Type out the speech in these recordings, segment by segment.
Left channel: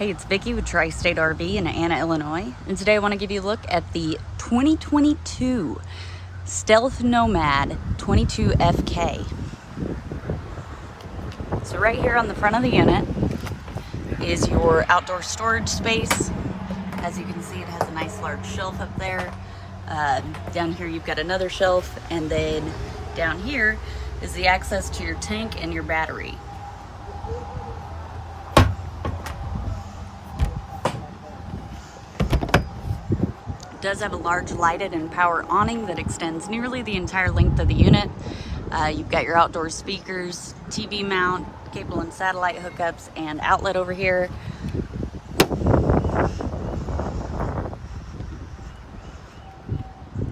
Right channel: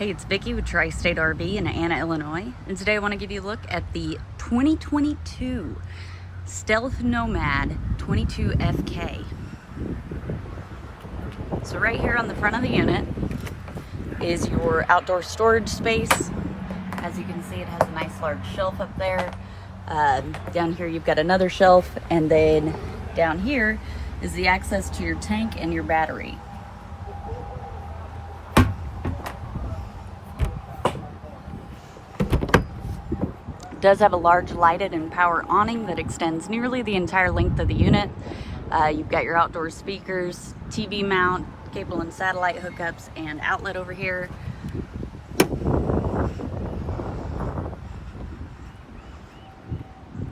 Hey, it's Vicki with Tri-State RV in Anna, Illinois, and today I want to give you a look at the 2022 Stealth Nomad 22FK. So right here on the front of the unit is your outdoor storage space. As you can see, it has a nice large shelf up there. Down here you've got another shelf, and then down here is the access to your tank and your battery. It does have a large lighted and power awning that extends nearly the entire length of the unit. You've got your outdoor speakers, TV mount, cable and satellite hookups, and outlet over here.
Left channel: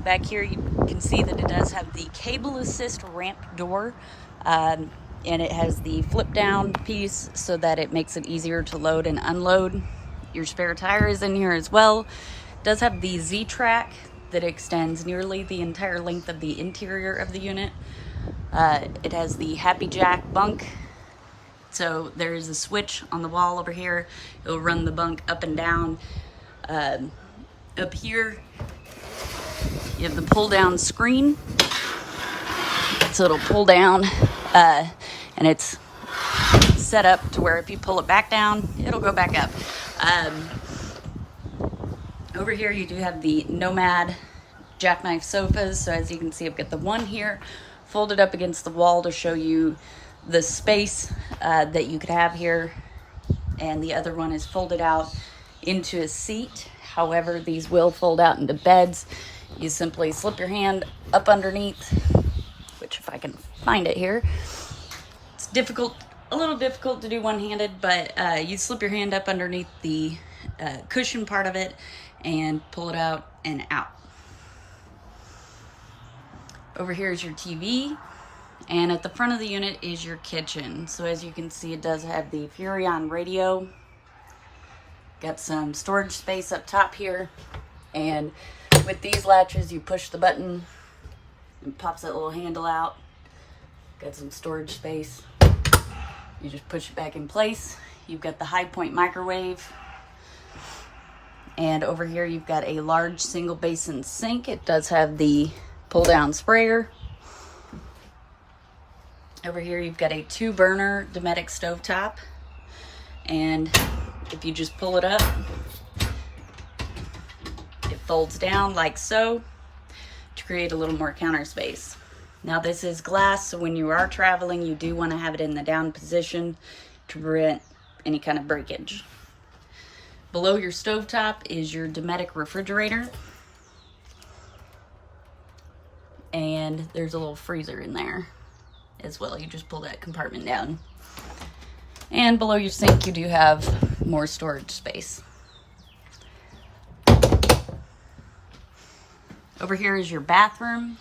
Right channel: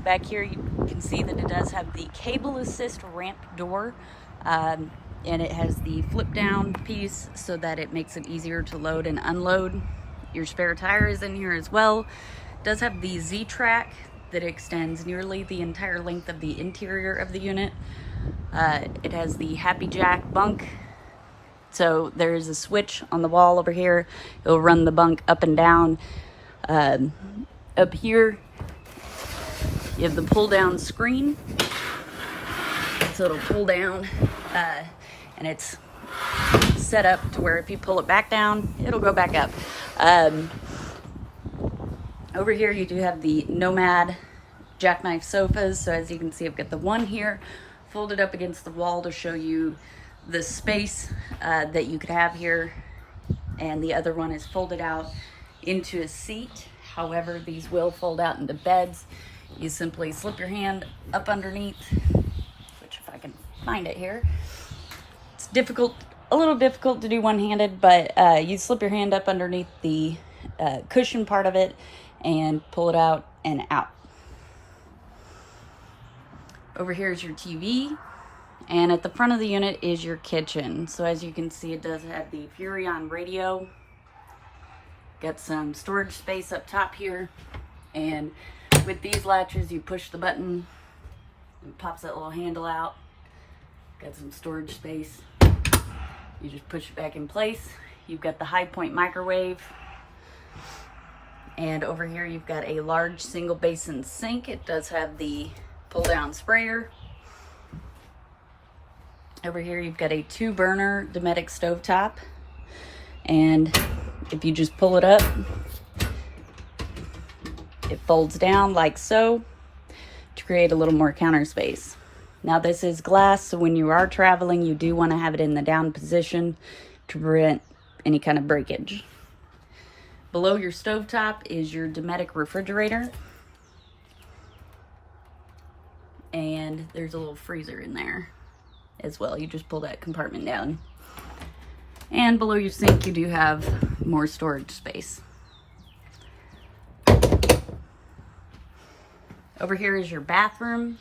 Back here you can see that it does have the cable assist ramp door, and it has the flip down piece so that it makes it easier to load and unload. Your spare tire is in here as well. It does have the Z-track that extends nearly the entire length of the interior of the unit. It has the Happy Jack bunk. So there is a switch on the wall over here. It'll run the bunk up and down. Up here, you have the pull down screen. So it'll pull down, and it's set up to where if you pull it back down, it'll go back up. Over here you do have the Nomad Jackknife sofas. So as you can see, I've got the one here folded up against the wall to show you the space that you could have here, and the other one is folded out into a seat. However, these will fold out into beds. You simply slip your hand up underneath, which if I can find it here, it's a little difficult to do one-handed, but you slip your hand up underneath the cushion part of it and pull it out and out. Over here is your TV, and at the front of the unit is your kitchen. So as you can see, it does have the Furrion radio. Got some storage space up top here, and with these latches you push the button and it pops that little handle out. Got some storage space. You just push it back in place. You've got the high point microwave, and over here you've got a large single basin sink. It does have the pull down sprayer. Over here you've got a 2-burner Dynamax stovetop, and if you just pull it up, it folds down like so to create a little more counter space. Now this is glass, so when you are traveling, you do want to have it in the down position to prevent any kind of breakage. Below your stovetop is your Dynamax refrigerator, and there's a little freezer in there as well. You just pull that compartment down. And below your sink you do have more storage space. Over here is your bathroom.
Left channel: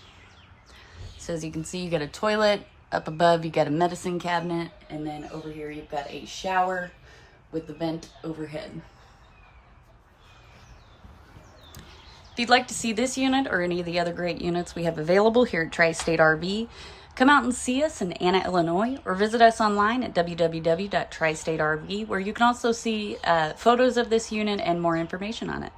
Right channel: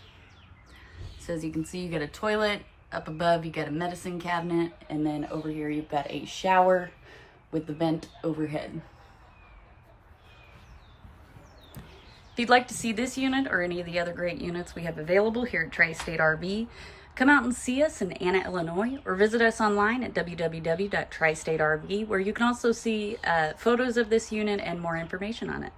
So as you can see, you got a toilet. Up above you got a medicine cabinet, and then over here you've got a shower with the vent overhead. If you'd like to see this unit or any of the other great units we have available here at Tri-State RV, come out and see us in Anna, Illinois, or visit us online at www.tristaterv, where you can also see photos of this unit and more information on it.